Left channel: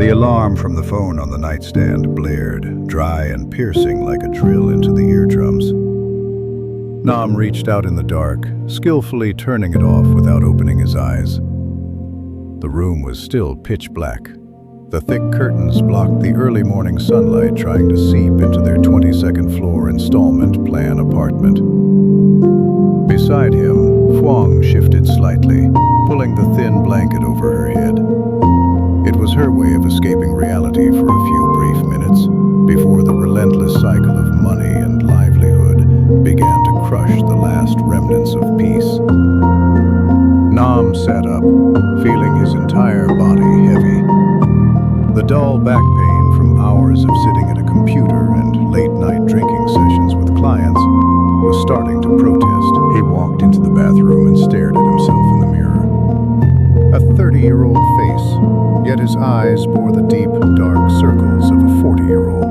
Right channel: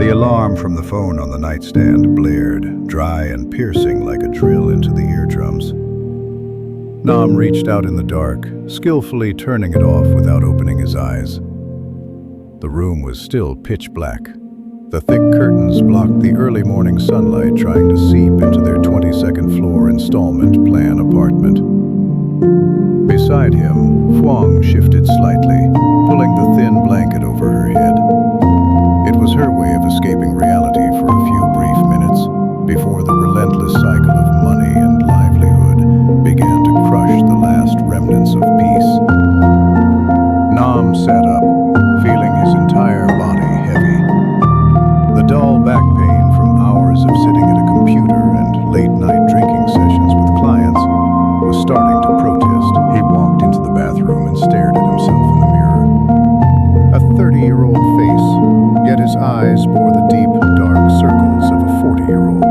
The alarm from the phone on the nightstand blared, dry and piercing like a drill into the eardrums. Nam reached out in the dark, skillfully turning it off without opening his eyes. The room was still pitch black. The thick curtains blocked the early morning sunlight trying to seep into their 22nd floor installment plan apartment. Beside him, Huang shifted slightly, pulling the thin blanket over her head. It was her way of escaping reality for a few brief minutes before the relentless cycle of money and livelihood began to crush the last remnants of peace. Nam sat up, feeling his entire body heavy. The dull back pain from hours of sitting at a computer and late-night drinking sessions with clients was starting to protest. He walked into the bathroom and stared at himself in the mirror. A 30-year-old face, yet his eyes bore the deep, dark circles of a 40-year-old.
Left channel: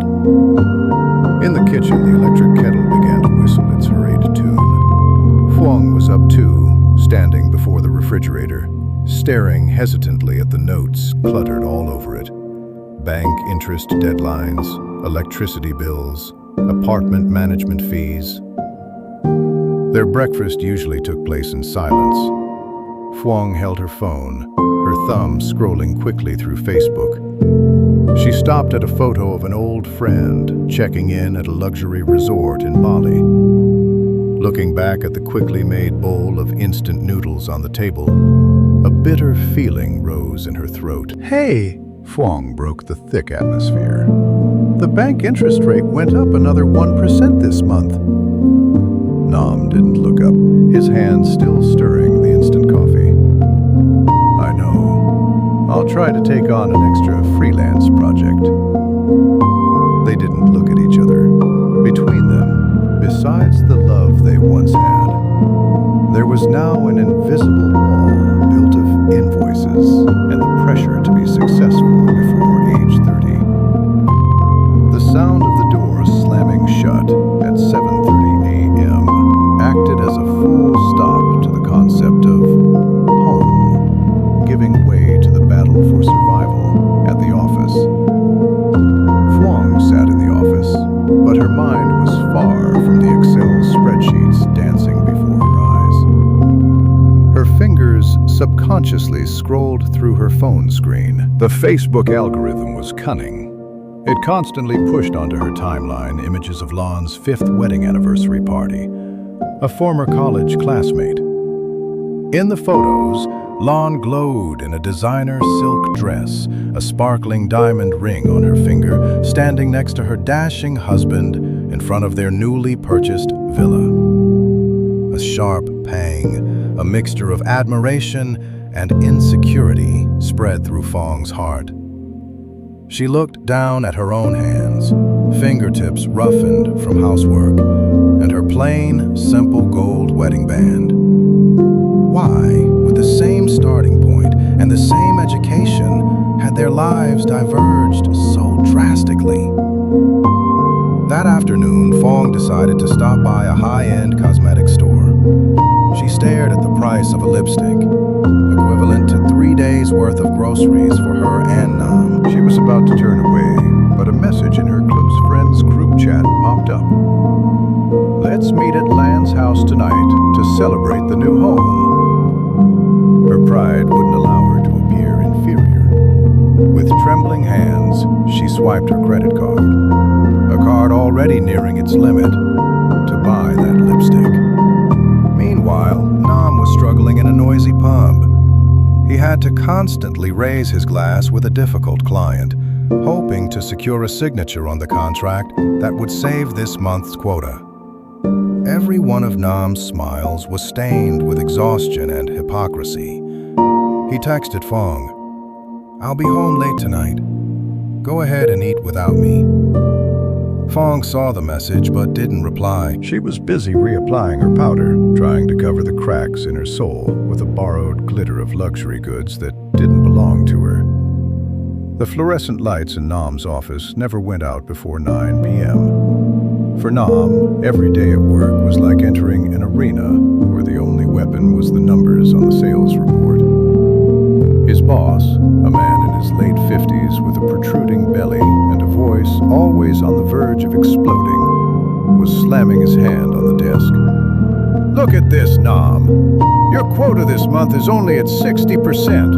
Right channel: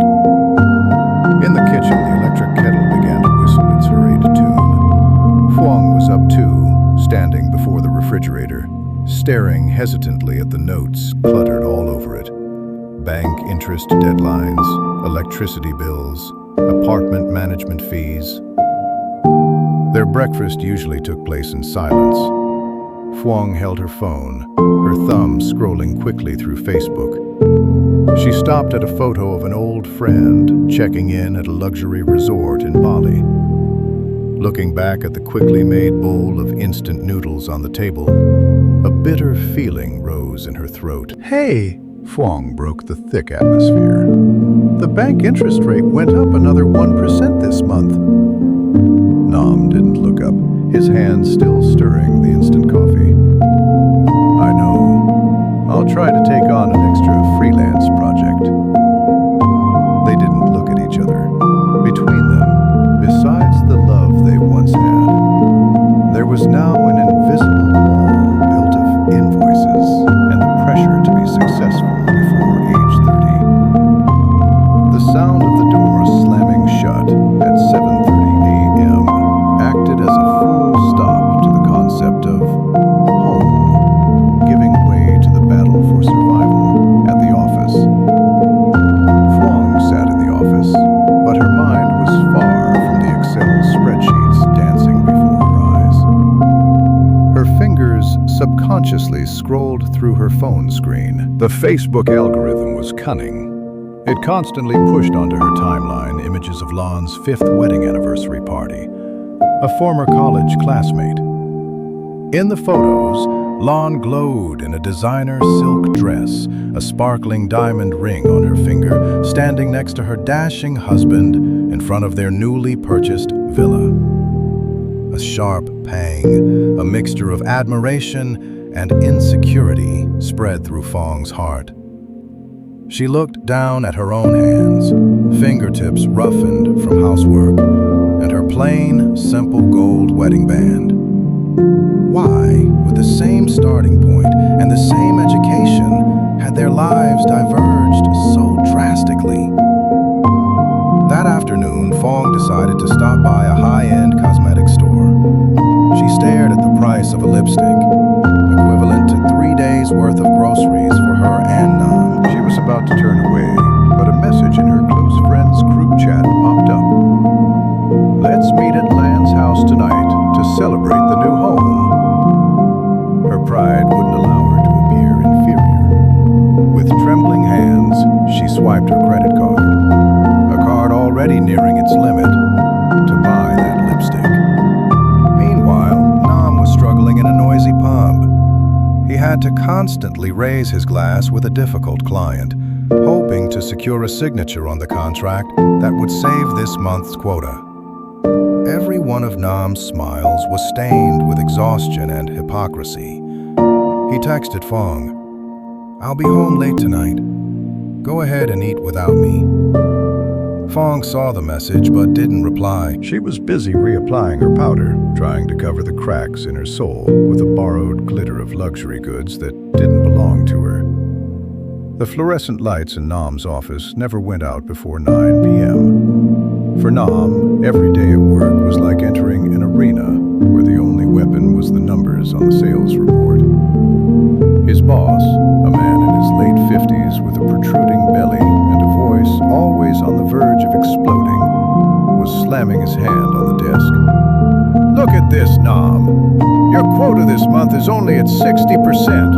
In the kitchen, the electric kettle began to whistle its hurried tune. Huang was up too, standing before the refrigerator, staring hesitantly at the notes cluttered all over it. Bank interest deadlines, electricity bills, apartment management fees. Their breakfast usually took place in silence. Huang held her phone, her thumb scrolling quickly through Facebook. She stopped at a photo of an old friend checking in at a luxury resort in Bali. Looking back at the quickly made bowl of instant noodles on the table, a bitter feeling rose in her throat. "Hey!" Huang broke the thick atmosphere. "The bank interest rate went up another 1% this month." Nam didn't look up, his hands still stirring the instant coffee. "I know. I'll try to take on an extra freelance project." They didn't look at each other. Between them, besides the love they once had, there was now an invisible wall built of invoices and the pressure to be successful before age 30. The sound of the door slamming shut at 7:30 a.m. acted as a full stop to the concept of home, giving way to the battle for survival at the office. Huang sat in the office, but her mind was far from the Excel spreadsheets dancing before her eyes. Her fingers subconsciously scrolled through her phone screen. The Facebook algorithm was cunning. It constantly pushed onto her timeline images of Lon's 5th wedding anniversary party, a former college classmate. In the photos, Lon glowed in a designer silk dress, a sparkling diamond ring on her finger, standing next to her dashing husband in front of their newly purchased villa. A sharp pang, a mixture of admiration and insecurity, spread through Fong's heart. She looked down at her own hands, fingertips roughened from housework, and her plain, simple gold wedding band. Why, with the same starting point and the same education, had their lives diverged so drastically? That afternoon, Fong decided to stop by a high-end cosmetic store. She stared at the price of a lipstick, equivalent to 3 days' worth of groceries for her and Nam. She was about to turn away, but a message in her close friends group chat popped up. "Let's meet at Lan's house tonight to celebrate the new home." Her pride wouldn't allow her to appear inferior. With trembling hands, she swiped her credit card, a card already nearing its limit, to buy that lipstick. Meanwhile, Nam was struggling in a noisy pub. He had to constantly raise his glass with a difficult client, hoping to secure a signature on the contract that would save this month's quota. Every one of Nam's smiles was stained with exhaustion and hypocrisy. He texted Fong, "I'll be home late tonight. Go ahead and eat without me." Fong saw the message but didn't reply. She was busy reapplying her powder, trying to cover the cracks in her soul with a borrowed glitter of luxury goods that didn't belong to her. The fluorescent lights in Nam's office never went out before 9 p.m. For Nam, every day at work was like entering an arena where the only weapon was the numbers on the sales report. His boss, a man in his late 50s with a protruding belly and a voice always on the verge of exploding, was slamming his hand on the desk. "Look at this, Nam. Your quota this month is only at 60%.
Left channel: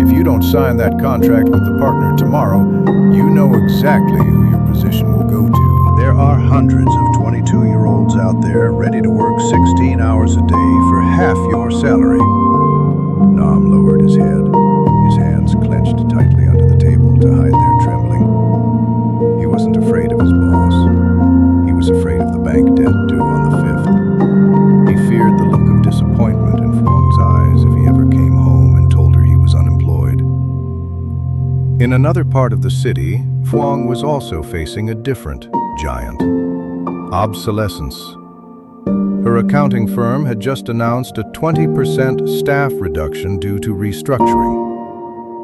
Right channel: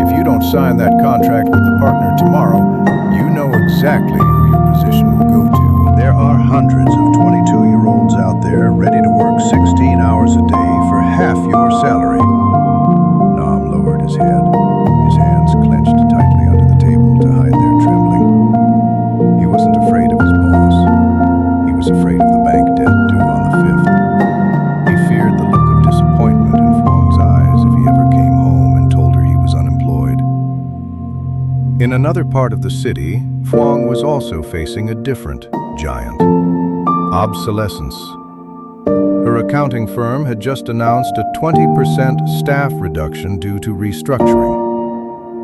If you don't sign that contract with the partner tomorrow, you know exactly who your position will go to." There are hundreds of 22-year-olds out there ready to work 16 hours a day for half your salary. Nam lowered his head, his hands clenched tightly under the table to hide their trembling. He wasn't afraid of his boss. He was afraid of the bank debt due on the 5th. He feared the look of disappointment in Fhuong's eyes if he ever came home and told her he was unemployed. In another part of the city, Phuong was also facing a different giant: obsolescence. Her accounting firm had just announced a 20% staff reduction due to restructuring.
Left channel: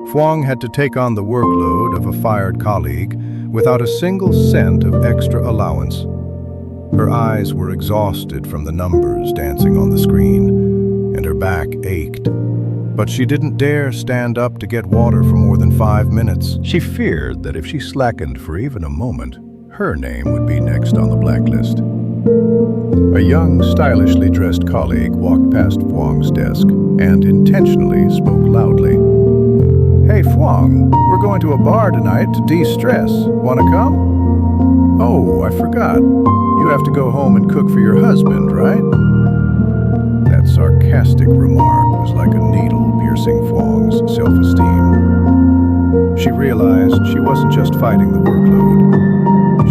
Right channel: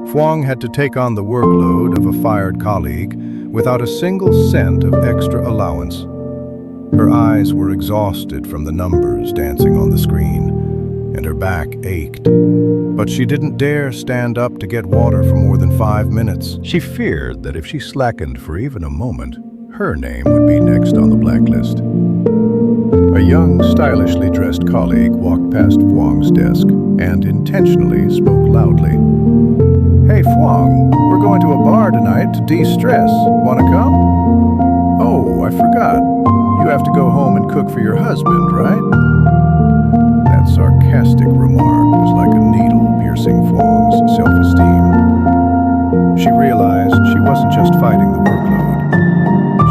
Phuong had to take on the workload of a fired colleague without a single cent of extra allowance. Her eyes were exhausted from the numbers dancing on the screen, and her back ached. But she didn't dare stand up to get water for more than 5 minutes. She feared that if she slackened for even a moment, her name would be next on the blacklist. A young, stylishly dressed colleague walked past Phuong's desk and intentionally spoke loudly. "Hey, Phuong, we're going to a bar tonight to de-stress. Wanna come?" "Oh, I forgot. You have to go home and cook for your husband, right?" That sarcastic remark was like a needle piercing Phuong's self-esteem. She realized she wasn't just fighting the workload.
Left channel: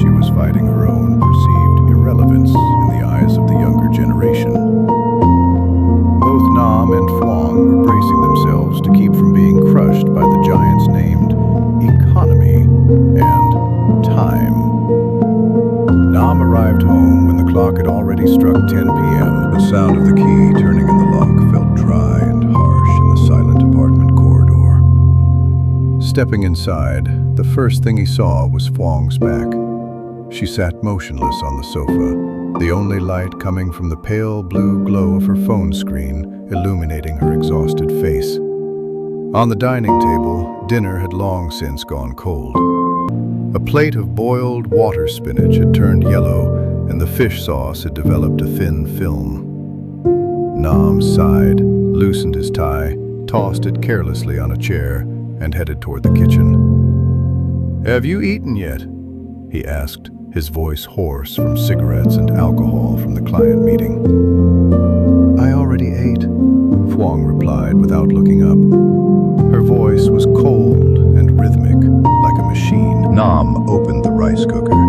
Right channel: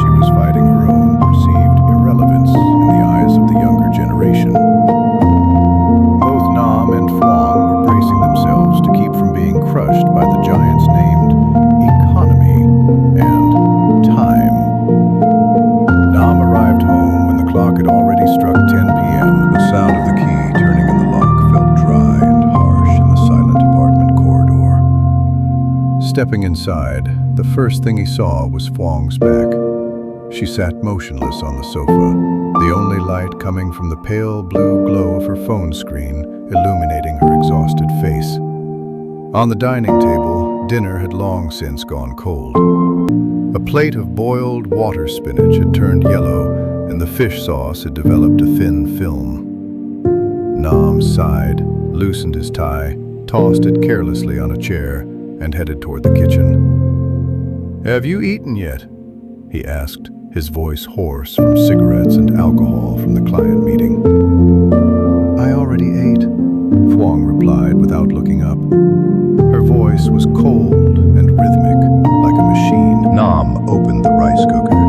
She was fighting her own perceived irrelevance in the eyes of the younger generation. Both Nam and Phuong were bracing themselves to keep from being crushed by the giants named economy and time. Nam arrived home when the clock had already struck 10 p.m. The sound of the key turning in the lock felt dry and harsh in the silent apartment corridor. Stepping inside, the first thing he saw was Phuong's back. She sat motionless on the sofa, the only light coming from the pale blue glow of her phone screen illuminating her exhausted face. On the dining table, dinner had long since gone cold. A plate of boiled water spinach had turned yellow, and the fish sauce had developed a thin film. Nam sighed, loosened his tie, tossed it carelessly on a chair, and headed toward the kitchen. "Have you eaten yet?" he asked, his voice hoarse from cigarettes and alcohol from the client meeting. "I already ate," Phuong replied without looking up. Her voice was cold and rhythmic, like a machine. Nam opened the rice cooker.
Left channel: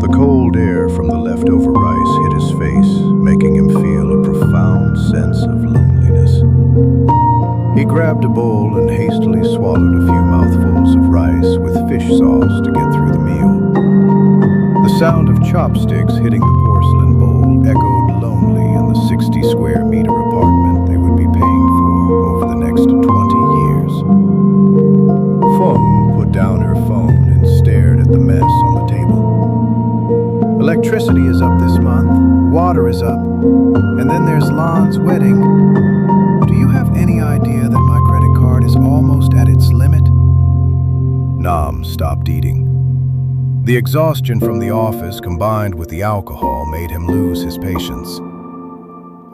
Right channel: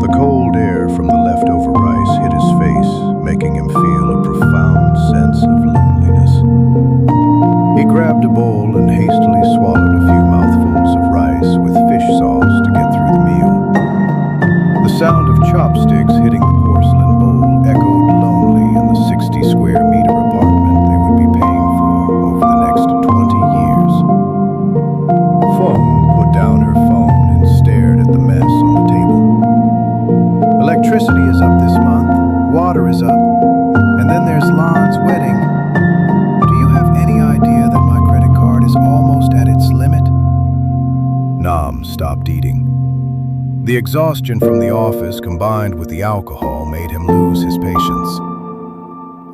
The cold air from the leftover rice hit his face, making him feel a profound sense of loneliness. He grabbed a bowl and hastily swallowed a few mouthfuls of rice with fish sauce to get through the meal. The sound of chopsticks hitting the porcelain bowl echoed lonely in the 60-square-meter apartment they would be paying for over the next 20 years. Phuong put down her phone and stared at the mess on the table. "Electricity is up this month, water is up, and then there's Lan's wedding. Do you have any idea that my credit card is almost at its limit?" Nam stopped eating. The exhaustion from the office combined with the alcohol made him lose his patience.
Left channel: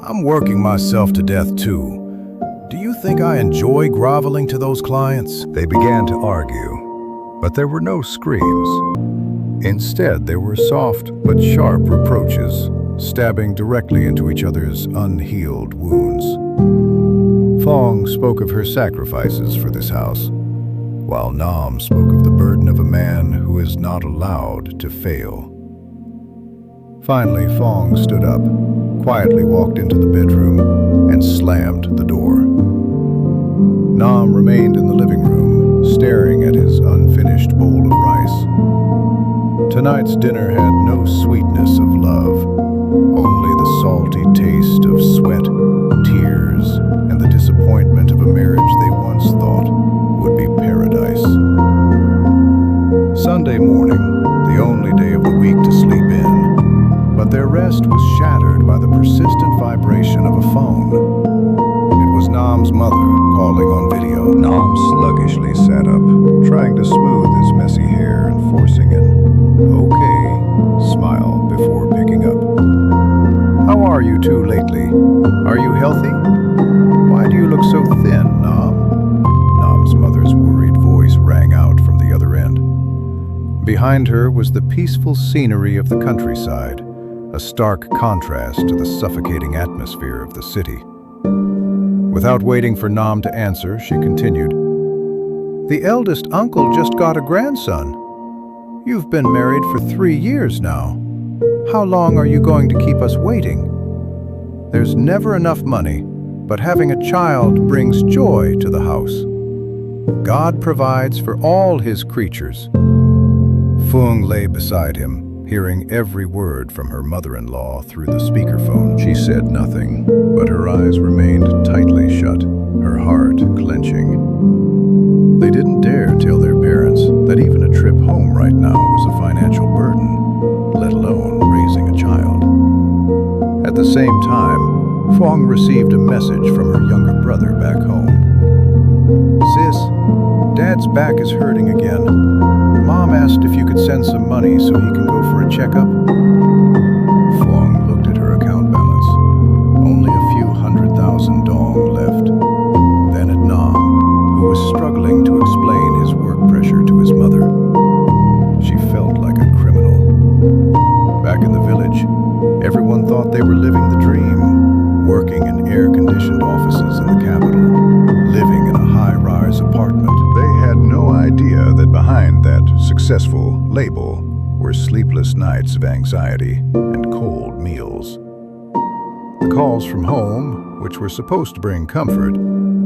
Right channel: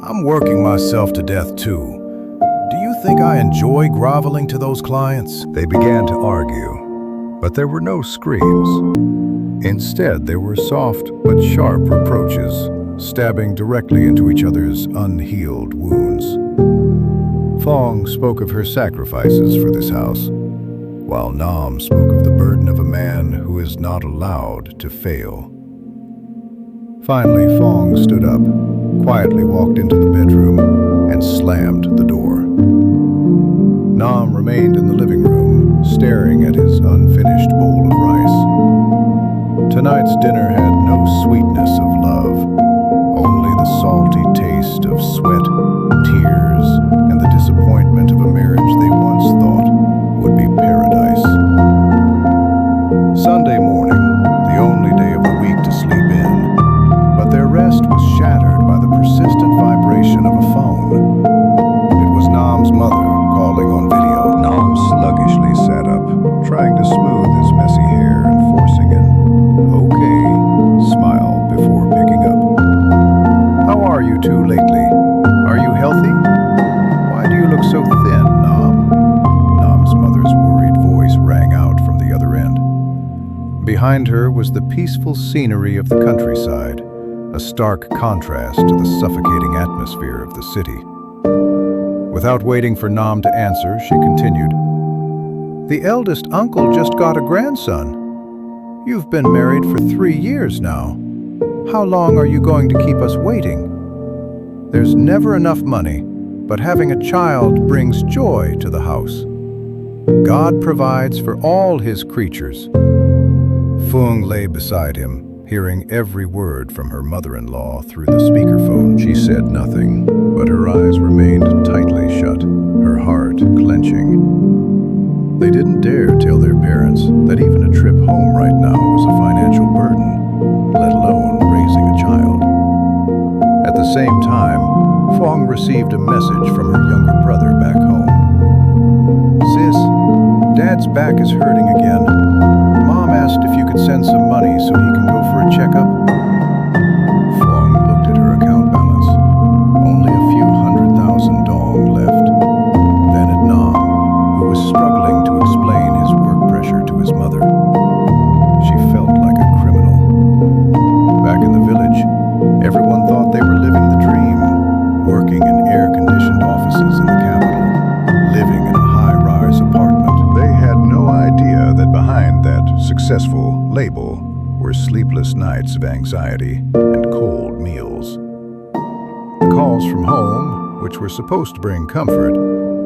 "I'm working myself to death too. Do you think I enjoy groveling to those clients?" They began to argue, but there were no screams. Instead, there were soft but sharp reproaches, stabbing directly into each other's unhealed wounds. Phuong spoke of her sacrifices for this house, while Nam spoke of the burden of a man who is not allowed to fail. Finally, Phuong stood up, quietly walked into the bedroom, and slammed the door. Nam remained in the living room, staring at his unfinished bowl of rice. Tonight's dinner had no sweetness of love, only the salty taste of sweat, tears, and the disappointment of a marriage they once thought would be paradise. Sunday morning, the only day of the week to sleep in, but their rest was shattered by the persistent vibration of a phone. It was Nam's mother calling on video. Nam sluggishly sat up, trying to smooth his messy hair and forcing an okay smile before picking up. How are you two lately? Are you healthy? Why do you look so thin, Nom? Nom's mother's worried voice rang out from the other end. Behind her was the peaceful scenery of the countryside, a stark contrast to the suffocating atmosphere of the city. Without waiting for Nom to answer, she continued, "The eldest uncle just got a grandson. You've been married for 3 years now. How long are you going to keep us waiting? There's never enough money, but having a child brings joy to the house. God provides for all his creatures." Fung lay beside him, hearing every word from her mother-in-law through the speakerphone. She said nothing, but her eyes remained tightly shut, her heart clenching. They didn't dare tell their parents that even a trip home right now was a financial burden, let alone raising a child. At the same time, Fong received a message from her younger brother back home. "Sis, Dad's back is hurting again. Mom asked if you could send some money so he can go for a checkup." Fong looked at her account balance. Only a few $100,000 dong left. Then at Nam, who was struggling to explain his work pressure to his mother. She felt like a criminal. Back in the village, everyone thought they were living the dream, working in air-conditioned offices in the capital, living in a high-rise apartment. They had no idea that behind that successful label were sleepless nights of anxiety and cold meals. The calls from home, which were supposed to bring comfort,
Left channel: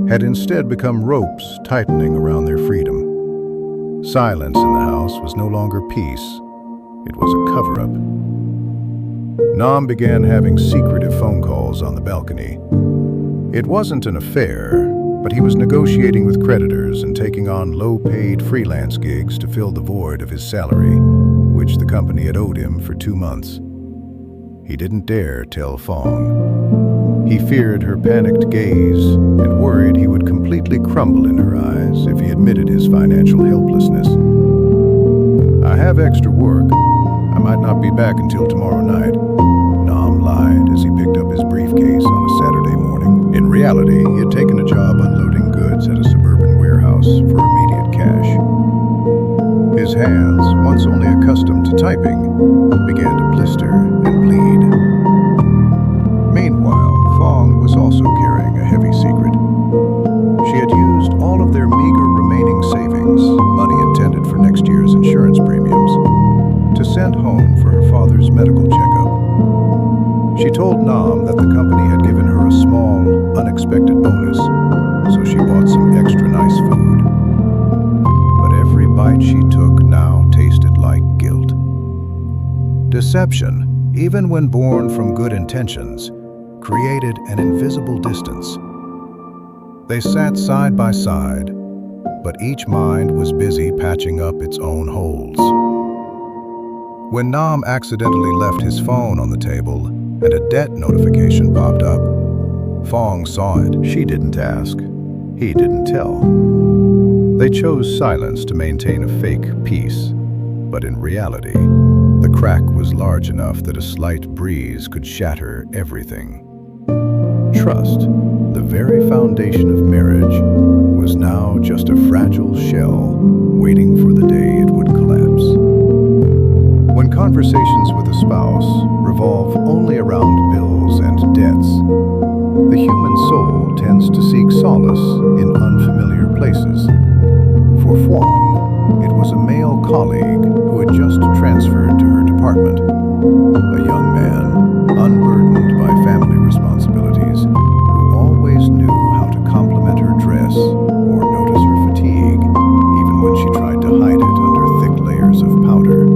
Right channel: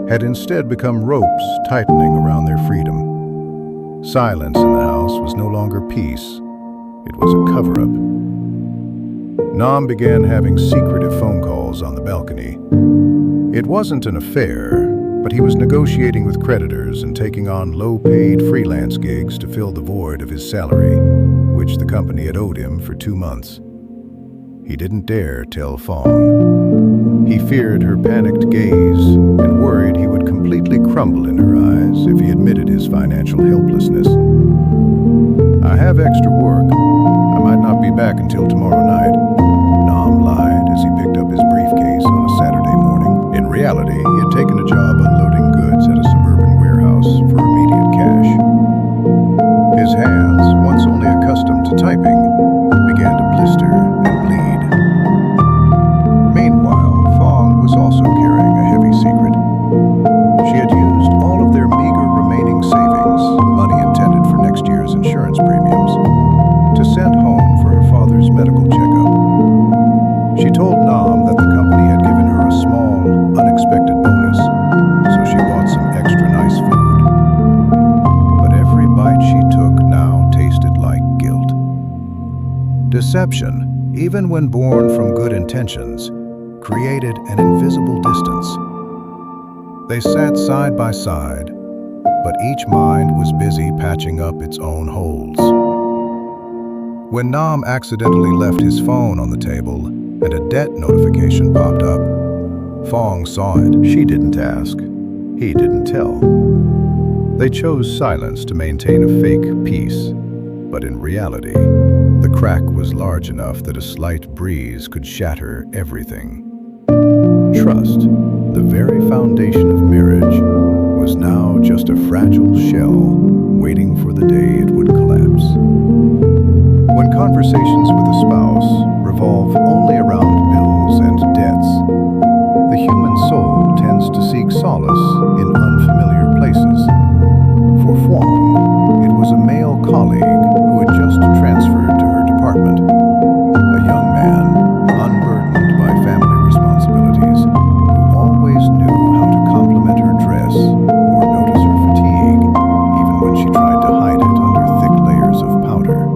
had instead become ropes tightening around their freedom. Silence in the house was no longer peace. It was a cover-up. Nam began having secretive phone calls on the balcony. It wasn't an affair, but he was negotiating with creditors and taking on low-paid freelance gigs to fill the void of his salary, which the company had owed him for 2 months. He didn't dare tell Fong. He feared her panicked gaze and worried he would completely crumble in her eyes if he admitted his financial helplessness. "I have extra work. I might not be back until tomorrow night," Nam lied as he picked up his briefcase on a Saturday morning. In reality, he had taken a job unloading goods at a suburban warehouse for immediate cash. His hands, once only accustomed to typing, began to blister and bleed. Meanwhile, Fong was also carrying a heavy secret. She had used all of their meager remaining savings, money intended for next year's insurance premiums, to send home for her father's medical checkup. She told Nam that the company had given her a small, unexpected bonus, so she bought some extra nice food. But every bite she took now tasted like guilt. Deception, even when born from good intentions, created an invisible distance. They sat side by side, but each mind was busy patching up its own holes. When Nam accidentally left his phone on the table and a debt notification popped up, Fong saw it. She didn't ask. He didn't tell. They chose silence to maintain a fake peace, but in reality, the crack was large enough that a slight breeze could shatter everything. Trust, the very foundation of marriage, was now just a fragile shell waiting for the day it would collapse. When conversations with a spouse revolve only around bills and debts, the human soul tends to seek solace in unfamiliar places. For Huang, it was a male colleague who had just transferred to her department. A young man, unburdened by family responsibilities, who always knew how to compliment her dress or notice her fatigue, even when she tried to hide it under thick layers of powder.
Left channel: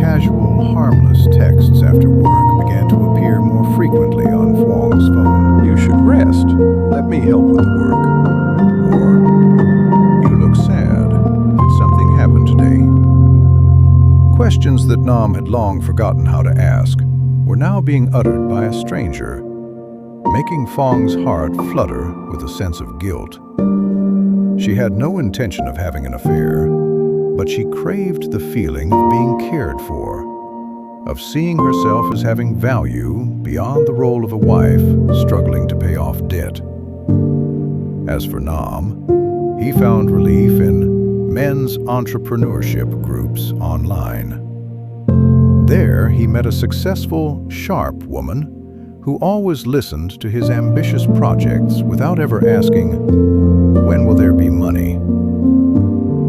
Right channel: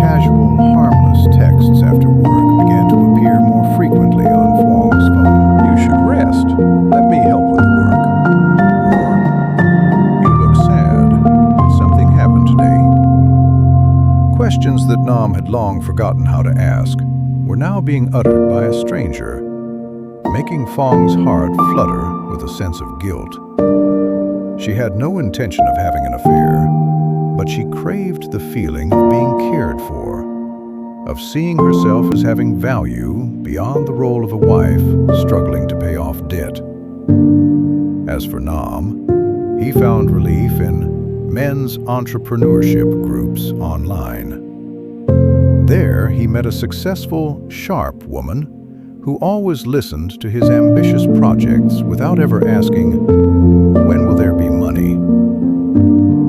Casual, harmless texts after work began to appear more frequently on Huang's phone. "You should rest. Let me help with the work." Or, "You look sad. Did something happen today?" Questions that Nam had long forgotten how to ask were now being uttered by a stranger, making Fong's heart flutter with a sense of guilt. She had no intention of having an affair, but she craved the feeling of being cared for, of seeing herself as having value beyond the role of a wife struggling to pay off debt. As for Nam, he found relief in men's entrepreneurship groups online. There, he met a successful, sharp woman who always listened to his ambitious projects without ever asking, "When will there be money?"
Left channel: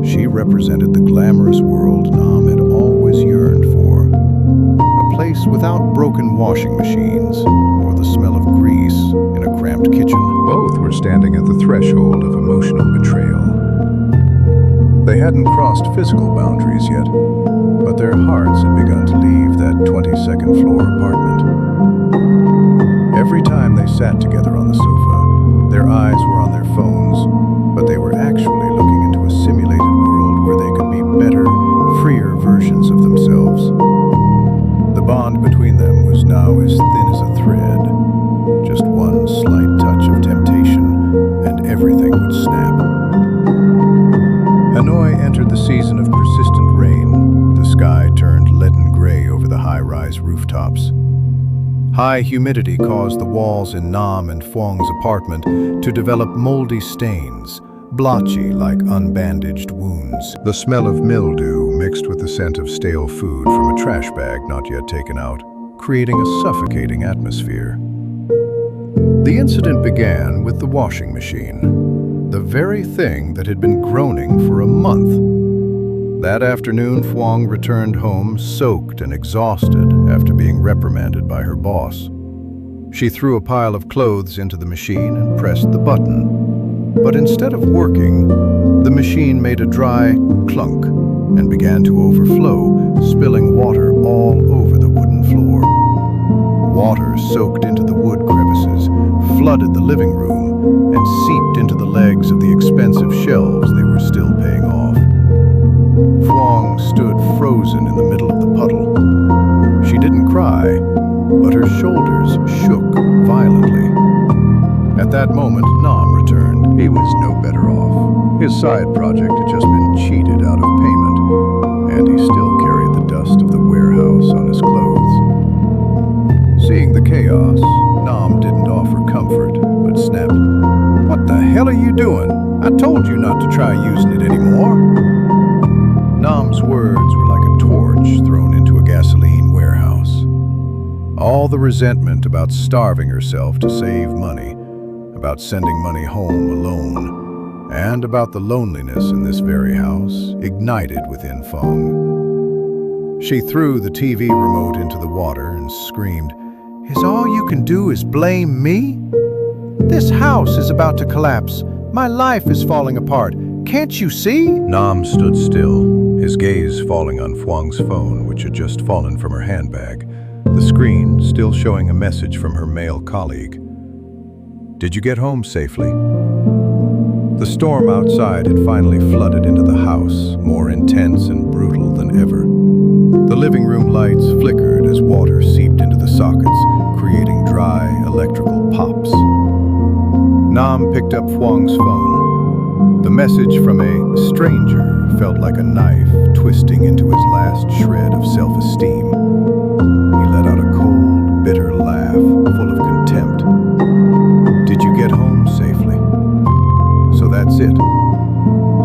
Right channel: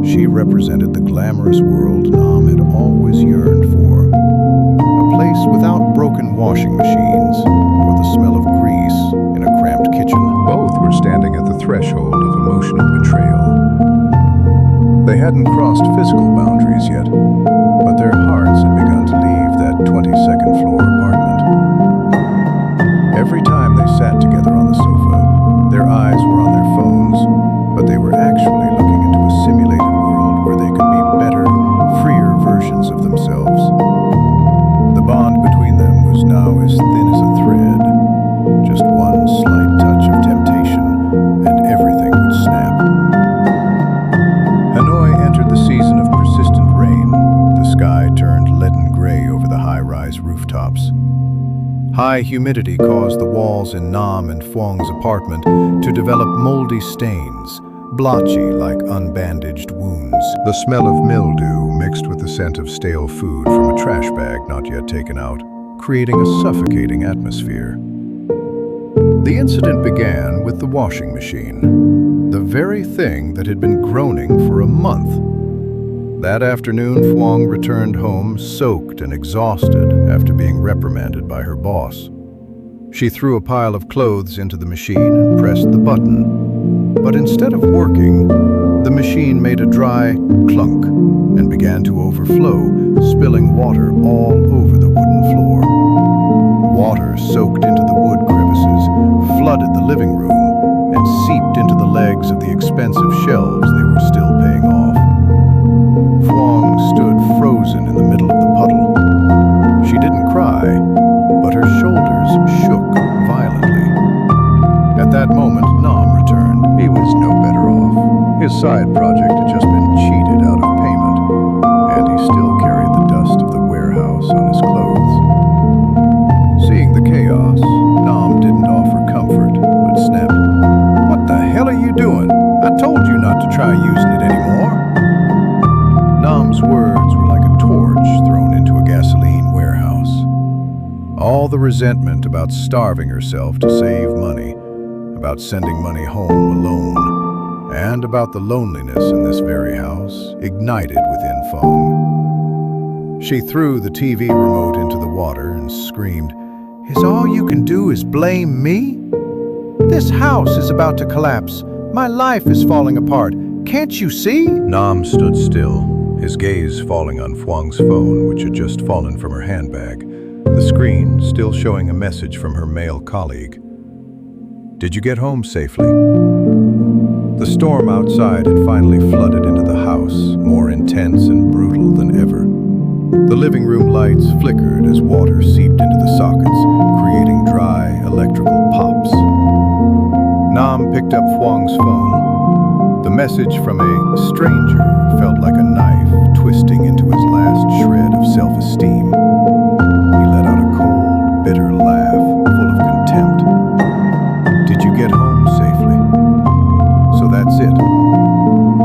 She represented the glamorous world Nam had always yearned for, a place without broken washing machines or the smell of grease in a cramped kitchen. Both were standing at the threshold of emotional betrayal. They hadn't crossed physical boundaries yet, but their hearts had begun to leave that 22nd floor apartment. Every time they sat together on the sofa, their eyes were on their phones, but they were actually looking into a simulated world where they could be better, freer versions of themselves. The bond between them was now as thin as a thread. Just one slight touch of temptation, and everything would snap. Hanoi entered the season of persistent rain. The sky turned leaden gray over the high-rise rooftops. High humidity caused the walls in Nam and Phuong's apartment to develop moldy stains, blotchy like unbandaged wounds. The smell of mildew mixed with the scent of stale food from a trash bag not yet taken out, creating a suffocating atmosphere. The incident began with the washing machine, the very thing that had been groaning for a month. That afternoon, Phuong returned home soaked and exhausted after being reprimanded by her boss. She threw a pile of clothes into the machine and pressed the button. But instead of working, the machine made a dry clunk and began to overflow, spilling water all over the wooden floor. Water soaked into the wood crevices, flooded the living room, and seeped into the legs of the expensive shelves they were still paying off. Phuong stood frozen in the middle of the puddle. She didn't cry, but her shoulders shook violently. At that moment, Nam returned. He was no better off. His side project had just been cheated out of payment, and he still carried the dust of the warehouse on his clothes. Seeing the chaos, Nam didn't offer comfort, but snapped, "What the hell are you doing? I told you not to try using it anymore." Nam's words were like a torch thrown into a gasoline warehouse. All the resentment about starving herself to save money, about sending money home alone, and about the loneliness in this very house ignited within Phuong. She threw the TV remote into the water and screamed, "Is all you can do is blame me? This house is about to collapse. My life is falling apart. Can't you see?" Nam stood still, his gaze falling on Phuong's phone, which had just fallen from her handbag, the screen still showing a message from her male colleague. "Did you get home safely?" The storm outside had finally flooded into the house, more intense and brutal than ever. The living room lights flickered as water seeped into the sockets, creating dry electrical pops. Nam picked up Phuong's phone. The message from a stranger felt like a knife twisting into his last shred of self-esteem. He let out a cold, bitter laugh full of contempt. "Did you get home safely? So that's it.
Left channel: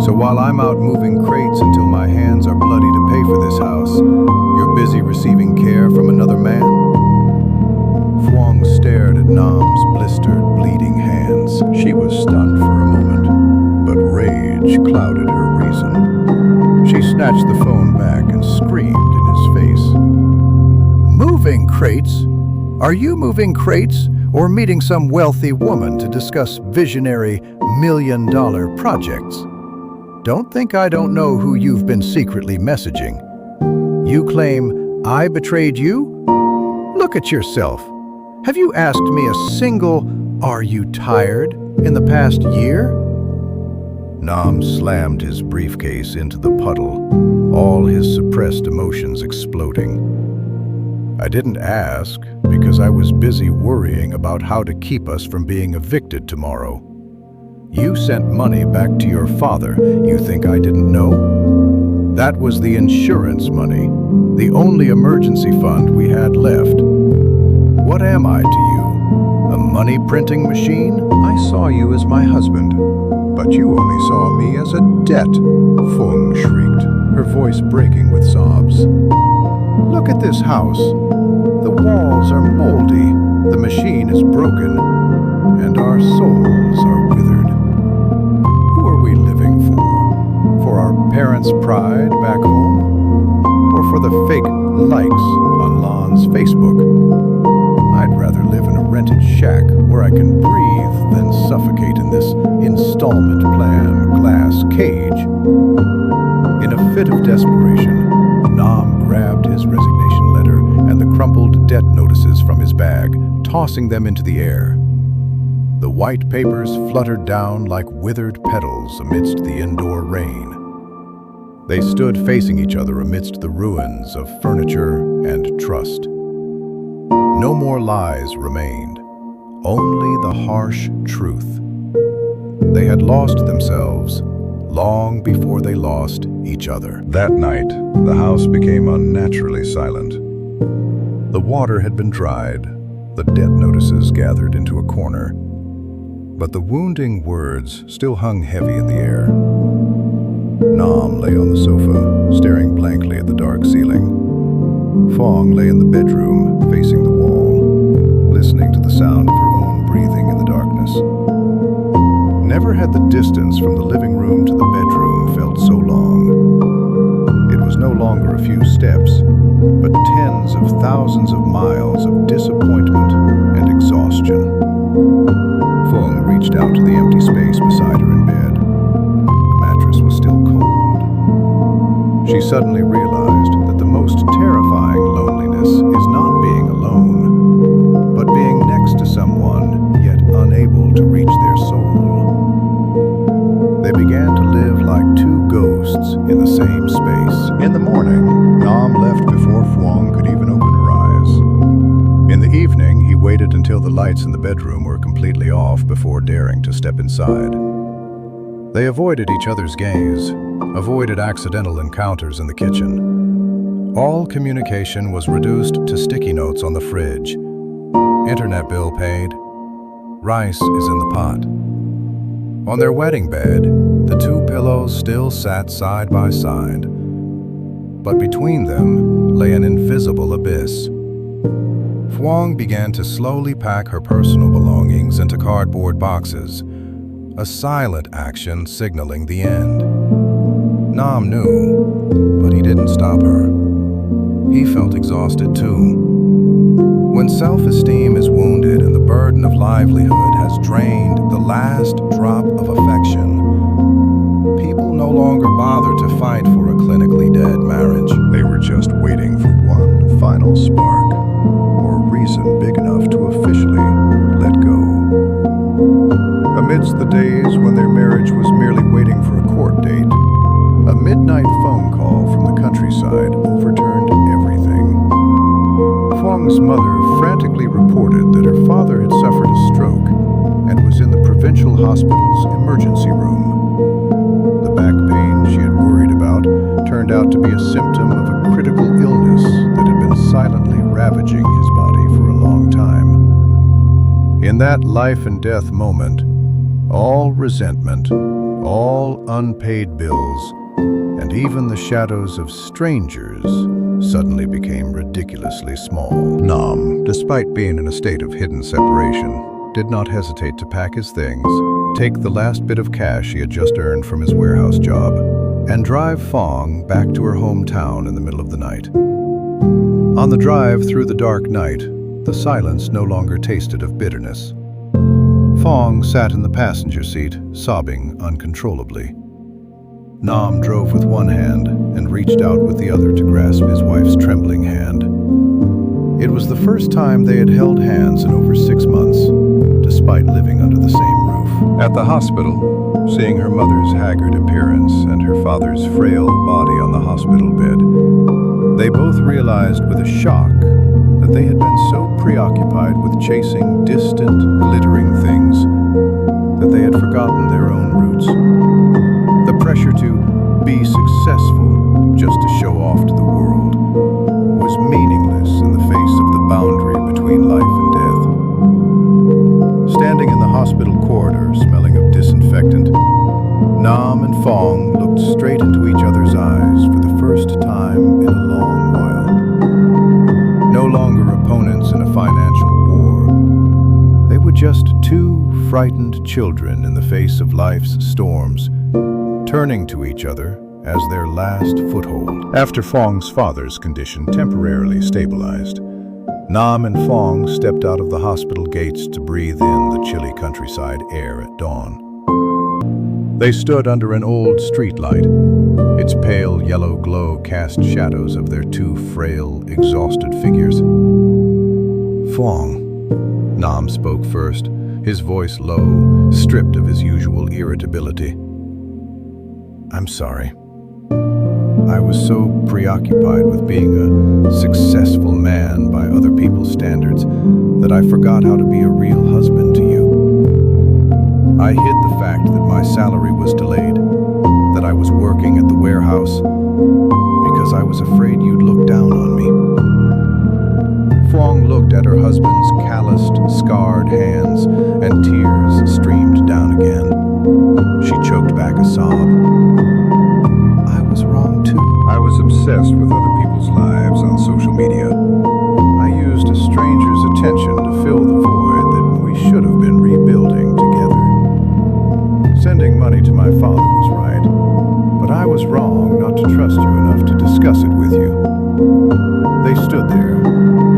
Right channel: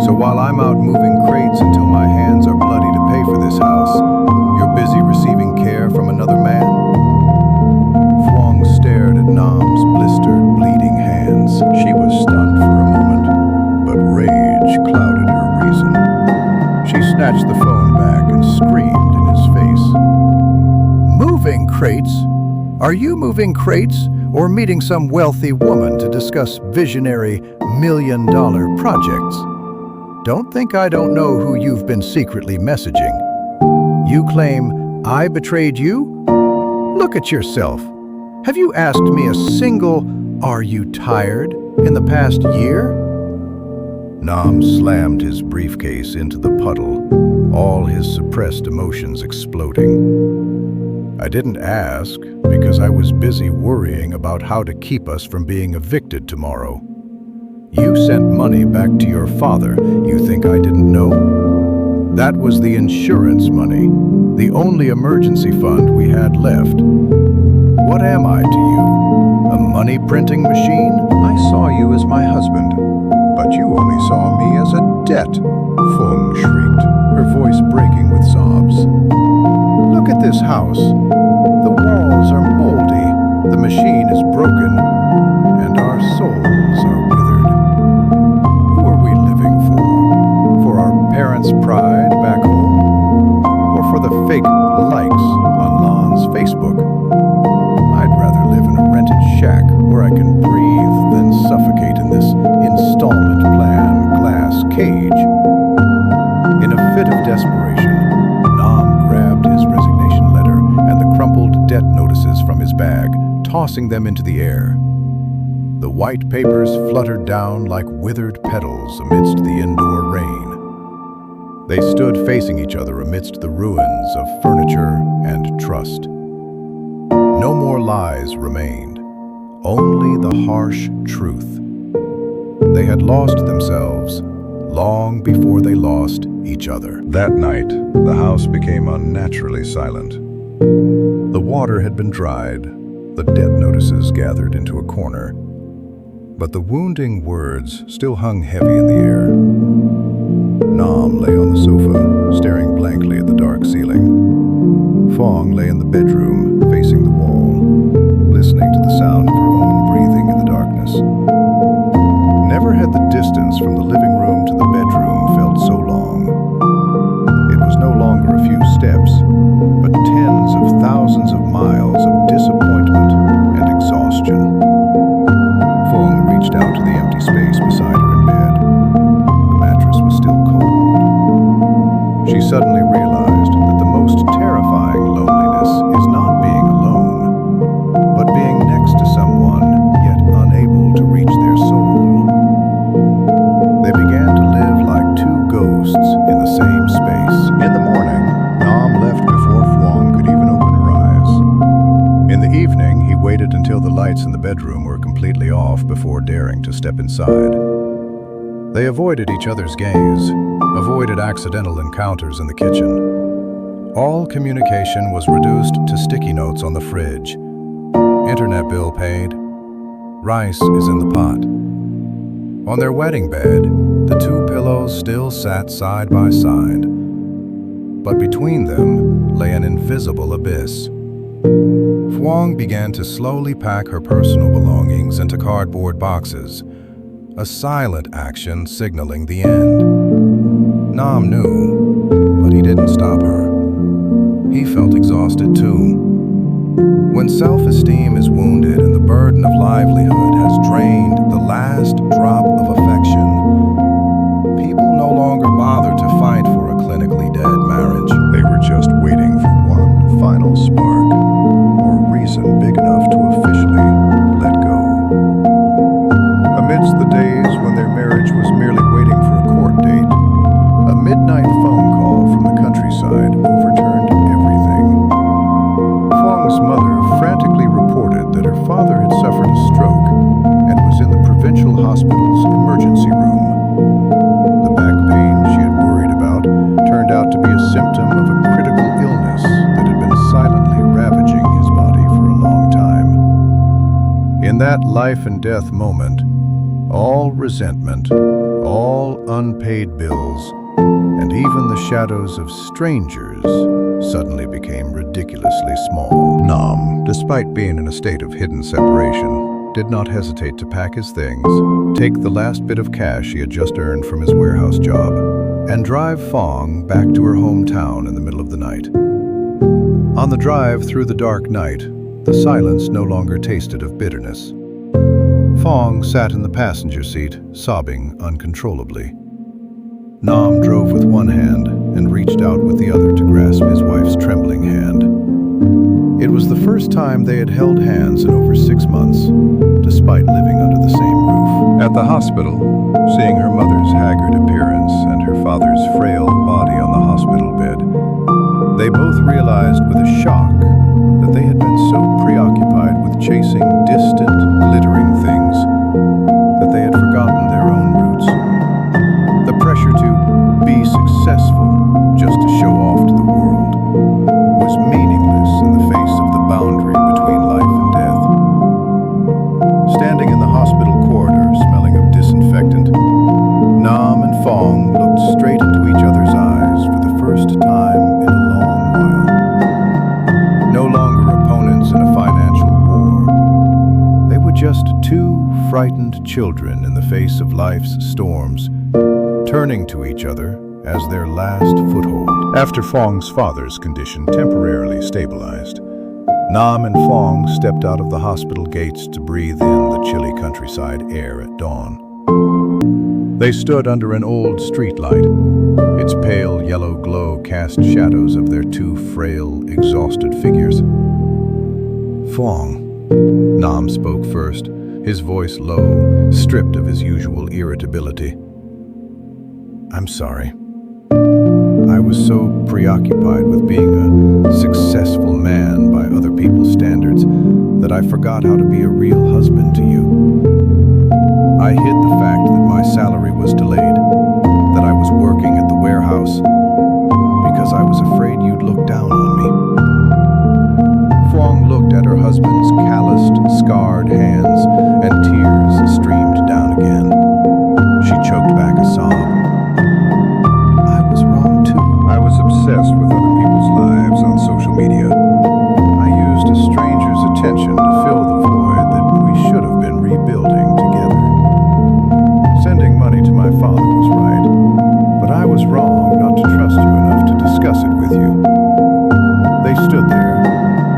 So while I'm out moving crates until my hands are bloody to pay for this house, you're busy receiving care from another man?" Phuong stared at Nam's blistered, bleeding hands. She was stunned for a moment, but rage clouded her reason. She snatched the phone back and screamed in his face. "Moving crates? Are you moving crates or meeting some wealthy woman to discuss visionary million-dollar projects? Don't think I don't know who you've been secretly messaging. You claim I betrayed you? Look at yourself. Have you asked me a single, 'Are you tired?' in the past year?" Nam slammed his briefcase into the puddle, all his suppressed emotions exploding. "I didn't ask because I was busy worrying about how to keep us from being evicted tomorrow. You sent money back to your father. You think I didn't know? That was the insurance money, the only emergency fund we had left. What am I to you? A money printing machine? I saw you as my husband, but you only saw me as a debt, Feng shrieked, her voice breaking with sobs. Look at this house. The walls are moldy, the machine is broken, and our souls are withered. Who are we living for? For our parents' pride back home? Or for the fake likes on Lon's Facebook? I'd rather live in a rented shack where I can breathe than suffocate in this installment plan glass cage. In a fit of desperation, Nam grabbed his resignation letter and the crumpled debt notices from his bag, tossing them into the air. The white papers fluttered down like withered petals amidst the indoor rain. They stood facing each other amidst the ruins of furniture and trust. No more lies remained, only the harsh truth. They had lost themselves long before they lost each other. That night, the house became unnaturally silent. The water had been dried, the debt notices gathered into a corner, but the wounding words still hung heavy in the air. Nam lay on the sofa, staring blankly at the dark ceiling. Fong lay in the bedroom, facing the wall, listening to the sound of her own breathing in the darkness. Never had the distance from the living room to the bedroom felt so long. It was no longer a few steps, but tens of thousands of miles of disappointment and exhaustion. Fong reached out to the empty space beside her in bed. The mattress was still cold. She suddenly realized that the most terrifying loneliness is not being alone, but being next to someone yet unable to reach their soul. They began to live like two ghosts in the same space. In the morning, Nam left before Fong could even open her eyes. In the evening, he waited until the lights in the bedroom were completely off before daring to step inside. They avoided each other's gaze, avoided accidental encounters in the kitchen. All communication was reduced to sticky notes on the fridge. Internet bill paid. Rice is in the pot. On their wedding bed, the two pillows still sat side by side, but between them lay an invisible abyss. Fwang began to slowly pack her personal belongings into cardboard boxes, a silent action signaling the end. Nam knew, but he didn't stop her. He felt exhausted too. When self-esteem is wounded and the burden of livelihood has drained the last drop of affection, people no longer bother to fight for a clinically dead marriage. They were just waiting for one final spark, or reason big enough to officially let go. Amidst the days when their marriage was merely waiting for a court date, a midnight phone call from the countryside overturned everything. Fong's mother frantically reported that her father had suffered a stroke and was in the provincial hospital's emergency room. The back pain she had worried about turned out to be a symptom of a critical illness that had been silently ravaging his body for a long time. In that life and death moment, all resentment, all unpaid bills, and even the shadows of strangers suddenly became ridiculously small. Nam, despite being in a state of hidden separation, did not hesitate to pack his things, take the last bit of cash he had just earned from his warehouse job, and drive Fong back to her hometown in the middle of the night. On the drive through the dark night, the silence no longer tasted of bitterness. Fong sat in the passenger seat, sobbing uncontrollably. Nam drove with one hand and reached out with the other to grasp his wife's trembling hand. It was the first time they had held hands in over 6 months, despite living under the same roof. At the hospital, seeing her mother's haggard appearance and her father's frail body on the hospital bed, they both realized with a shock that they had been so preoccupied with chasing distant, glittering things that they had forgotten their own roots. The pressure to be successful just to show off to the world was meaningless in the face of the boundary between life and death. Standing in the hospital corridor, smelling of disinfectant, Nam and Fong looked straight into each other's eyes for the first time in a long while. No longer opponents in a financial war, they were just two frightened children in the face of life's storms, turning to each other as their last foothold. After Fong's father's condition temporarily stabilized, Nam and Fong stepped out of the hospital gates to breathe in the chilly countryside air at dawn. They stood under an old streetlight. Its pale yellow glow cast shadows of their two frail, exhausted figures. Fong, Nam spoke first, his voice low, stripped of his usual irritability. I'm sorry. I was so preoccupied with being a successful man by other people's standards that I forgot how to be a real husband to you. I hid the fact that my salary was delayed, that I was working at the warehouse, because I was afraid you'd look down on me. Fong looked at her husband's calloused, scarred hands, and tears streamed down again. She choked back a sob. I was wrong too. I was obsessed with other people's lives on social media. I used a stranger's attention to fill the void that we should have been rebuilding together. Sending money to my father was right, but I was wrong not to trust you enough to discuss it with you. They stood there,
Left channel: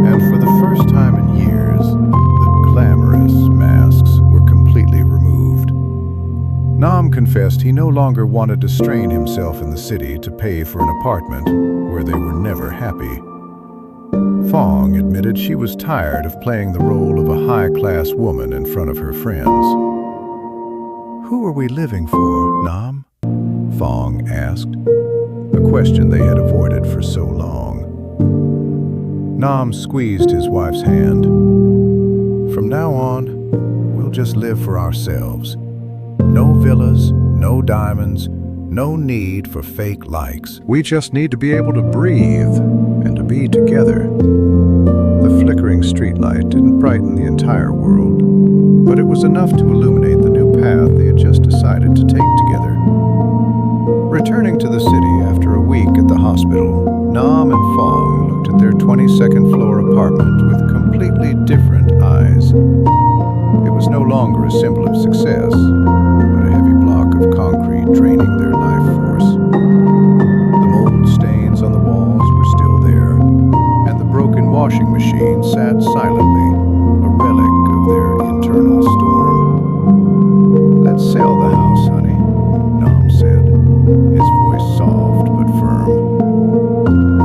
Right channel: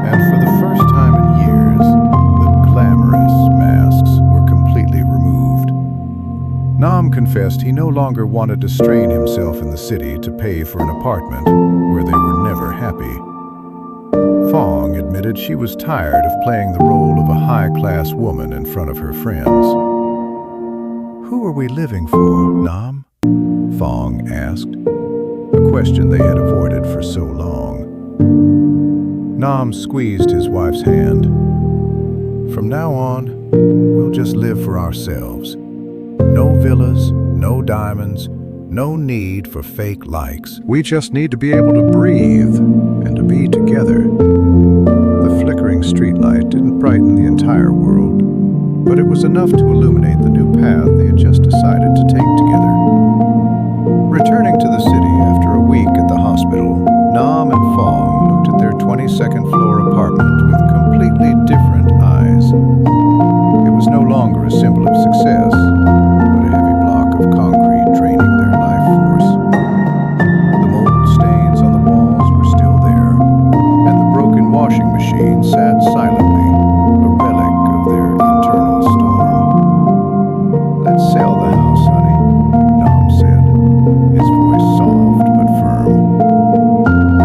and for the first time in years, the glamorous masks were completely removed. Nam confessed he no longer wanted to strain himself in the city to pay for an apartment where they were never happy. Fong admitted she was tired of playing the role of a high-class woman in front of her friends. Who are we living for, Nam? Fong asked, a question they had avoided for so long. Nam squeezed his wife's hand. From now on, we'll just live for ourselves. No villas, no diamonds, no need for fake likes. We just need to be able to breathe and to be together. The flickering streetlight didn't brighten the entire world, but it was enough to illuminate the new path they had just decided to take together. Returning to the city after a week at the hospital, Nam and Fong looked at their 22nd floor apartment with completely different eyes. It was no longer a symbol of success, but a heavy block of concrete draining their life force. The mold stains on the walls were still there, and the broken washing machine sat silently, a relic of their internal storm. Let's sell the house, honey, Nam said, his voice soft but firm.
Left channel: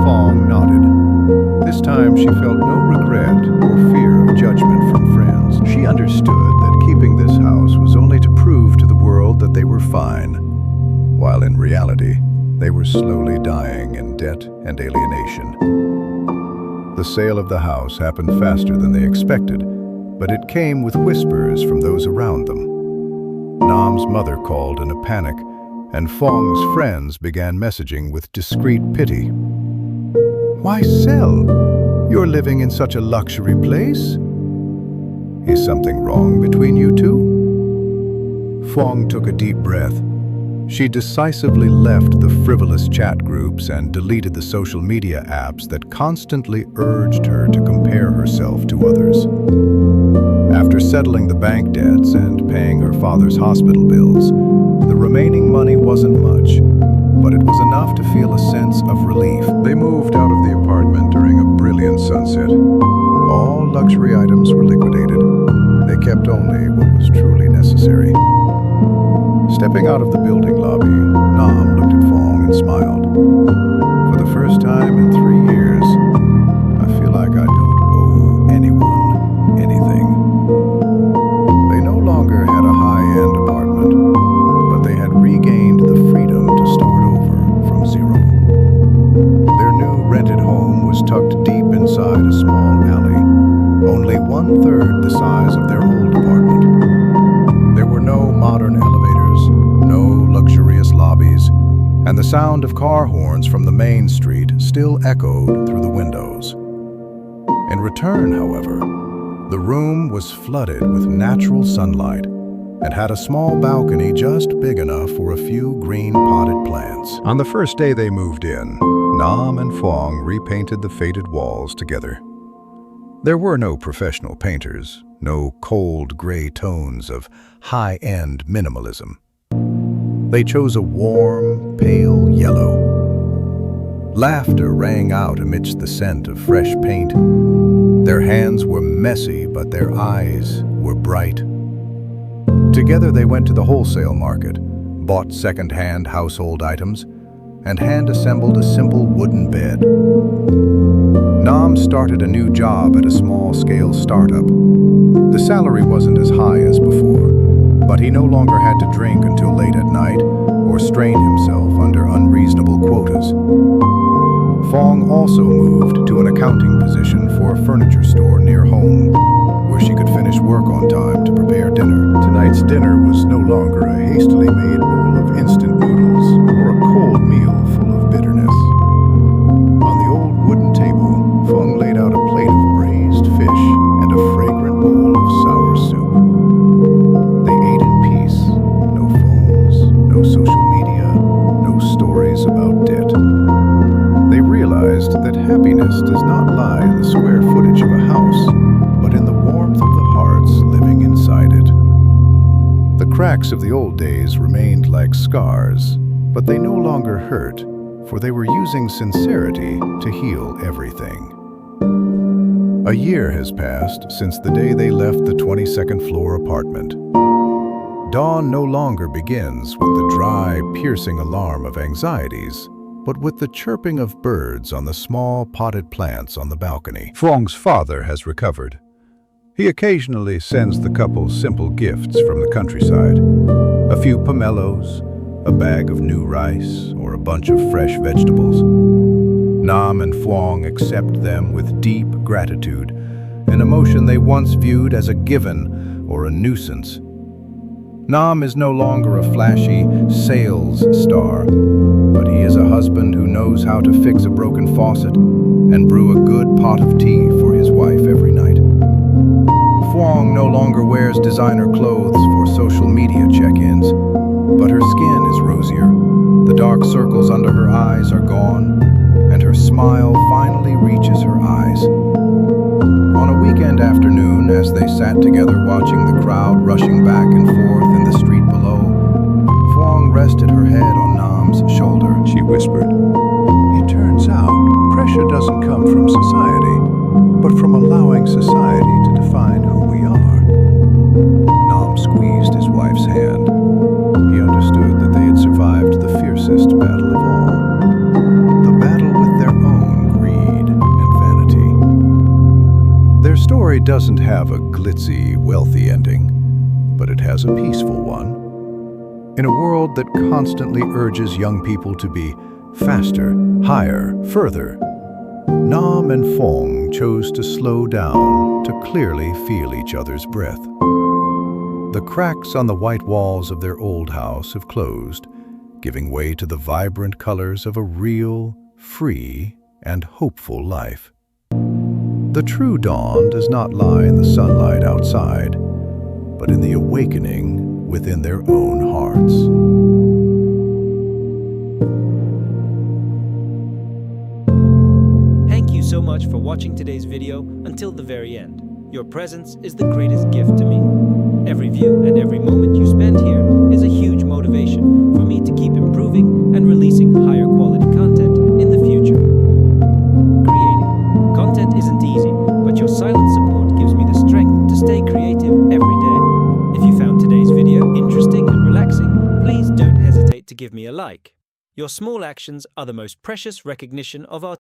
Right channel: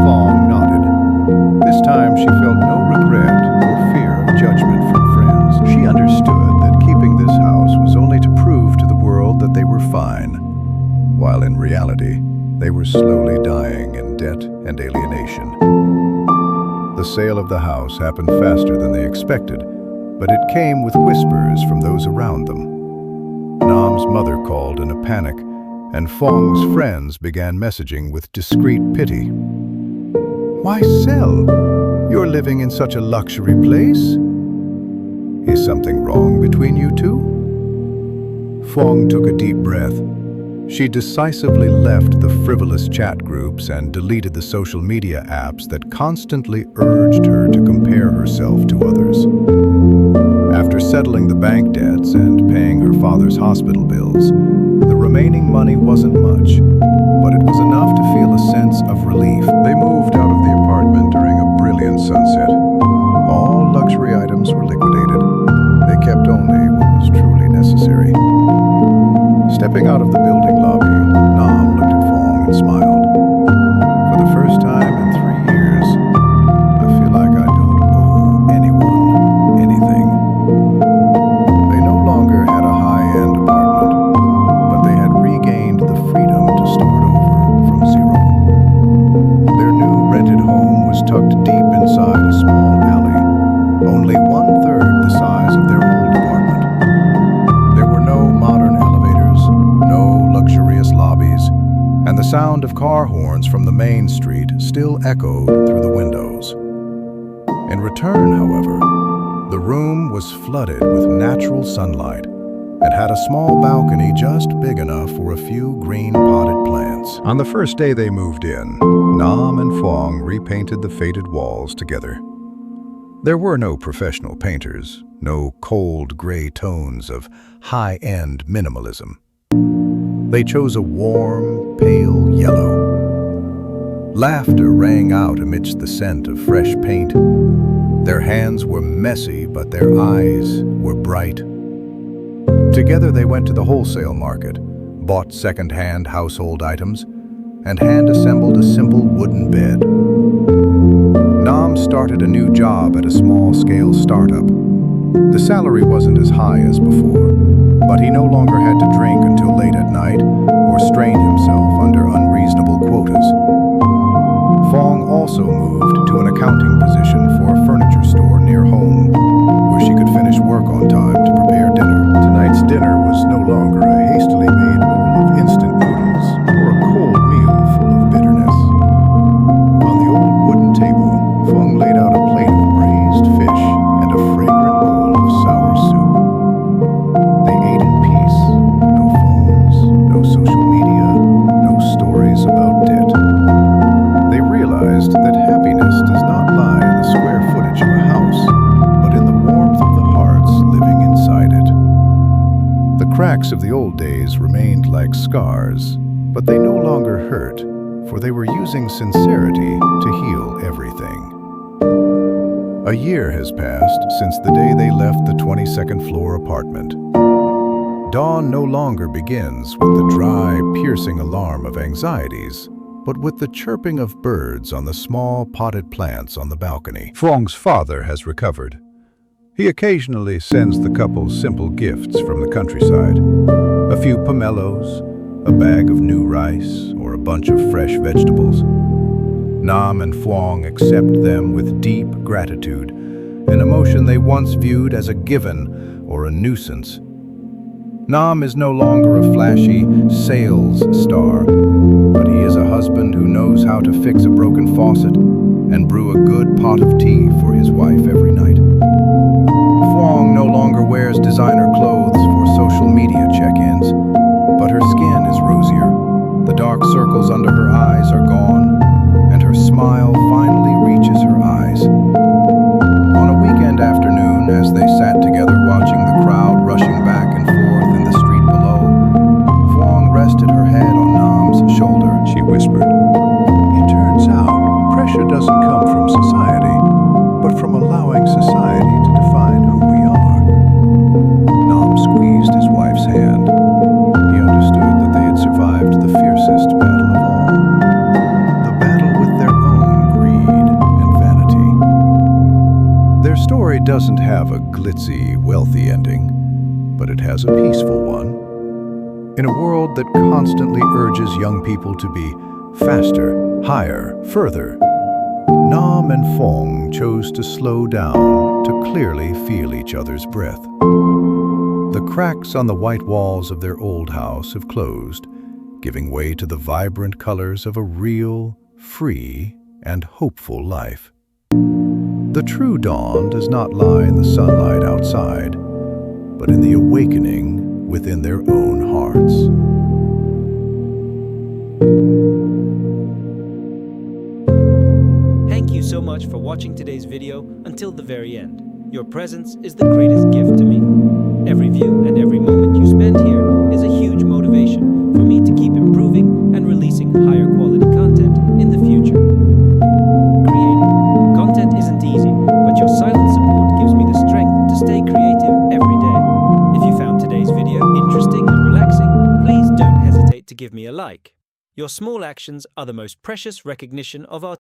Fong nodded. This time she felt no regret or fear of judgment from friends. She understood that keeping this house was only to prove to the world that they were fine, while in reality, they were slowly dying in debt and alienation. The sale of the house happened faster than they expected, but it came with whispers from those around them. Nam's mother called in a panic, and Fong's friends began messaging with discreet pity. Why sell? You're living in such a luxury place. Is something wrong between you two? Fong took a deep breath. She decisively left the frivolous chat groups and deleted the social media apps that constantly urged her to compare herself to others. After settling the bank debts and paying her father's hospital bills, the remaining money wasn't much, but it was enough to feel a sense of relief. They moved out of the apartment during a brilliant sunset. All luxury items were liquidated. They kept only what was truly necessary. Stepping out of the building lobby, Nam looked at Fong and smiled. For the first time in 3 years, I feel like I don't owe anyone anything. They no longer had a high-end apartment, but they had regained the freedom to start over from zero. Their new rented home was tucked deep inside a small alley, only 1/3 the size of their old apartment. There were no and the sound of car horns from the main street still echoed through the windows. In return, however, the room was flooded with natural sunlight and had a small balcony just big enough for a few green potted plants. On the first day they moved in, Nam and Fong repainted the faded walls together. There were no professional painters, no cold gray tones of high-end minimalism. They chose a warm, pale yellow. Laughter rang out amidst the scent of fresh paint. Their hands were messy, but their eyes were bright. Together they went to the wholesale market, bought second-hand household items, and hand-assembled a simple wooden bed. Nam started a new job at a small-scale startup. The salary wasn't as high as before, but he no longer had to drink until late at night or strain himself under unreasonable quotas. Fong also moved to an accounting position for a furniture store near home, where she could finish work on time to prepare dinner. Tonight's dinner was no longer a hastily made bowl of instant noodles or a cold meal full of bitterness. On the old wooden table, Fong laid out a plate of braised fish and a fragrant bowl of sour soup. They ate in peace. No phones, no social media, no stories about debt. They realized that happiness does not lie in the square footage of a house, but in the warmth of the hearts living inside it. The cracks of the old days remained like scars, but they no longer hurt, for they were using sincerity to heal everything. A year has passed since the day they left the 22nd floor apartment. Dawn no longer begins with the dry, piercing alarm of anxieties, but with the chirping of birds on the small potted plants on the balcony. Fong's father has recovered. He occasionally sends the couple simple gifts from the countryside. A few pomelos, a bag of new rice, or a bunch of fresh vegetables. Nam and Fong accept them with deep gratitude, an emotion they once viewed as a given or a nuisance. Nam is no longer a flashy sales star, but he is a husband who knows how to fix a broken faucet and brew a good pot of tea for his wife every night. Fong no longer wears designer clothes for social media check-ins, but her skin is rosier. The dark circles under her eyes are gone, and her smile finally reaches her eyes. On a weekend afternoon, as they sat together watching the crowd rushing back and forth in the street below, Fong rested her head on Nam's shoulder. She whispered, "It turns out pressure doesn't come from society, but from allowing society to define who we are." Nam squeezed his wife's hand. He understood that they had survived the fiercest battle of all, the battle with their own greed and vanity. Their story doesn't have a glitzy, wealthy ending, but it has a peaceful one. In a world that constantly urges young people to be faster, higher, further, Nam and Fong chose to slow down to clearly feel each other's breath. The cracks on the white walls of their old house have closed, giving way to the vibrant colors of a real, free, and hopeful life. The true dawn does not lie in the sunlight outside, but in the awakening within their own hearts. Thank you so much for watching today's video until the very end. Your presence is the greatest gift to me. Every view and every moment you spend here is a huge motivation for me to keep improving and releasing higher quality content in the future. Creating content isn't easy, but your silent support gives me the strength to stay creative every day. If you found today's video interesting and relaxing, please don't hesitate to give me a like. Your small actions are the most precious recognition of our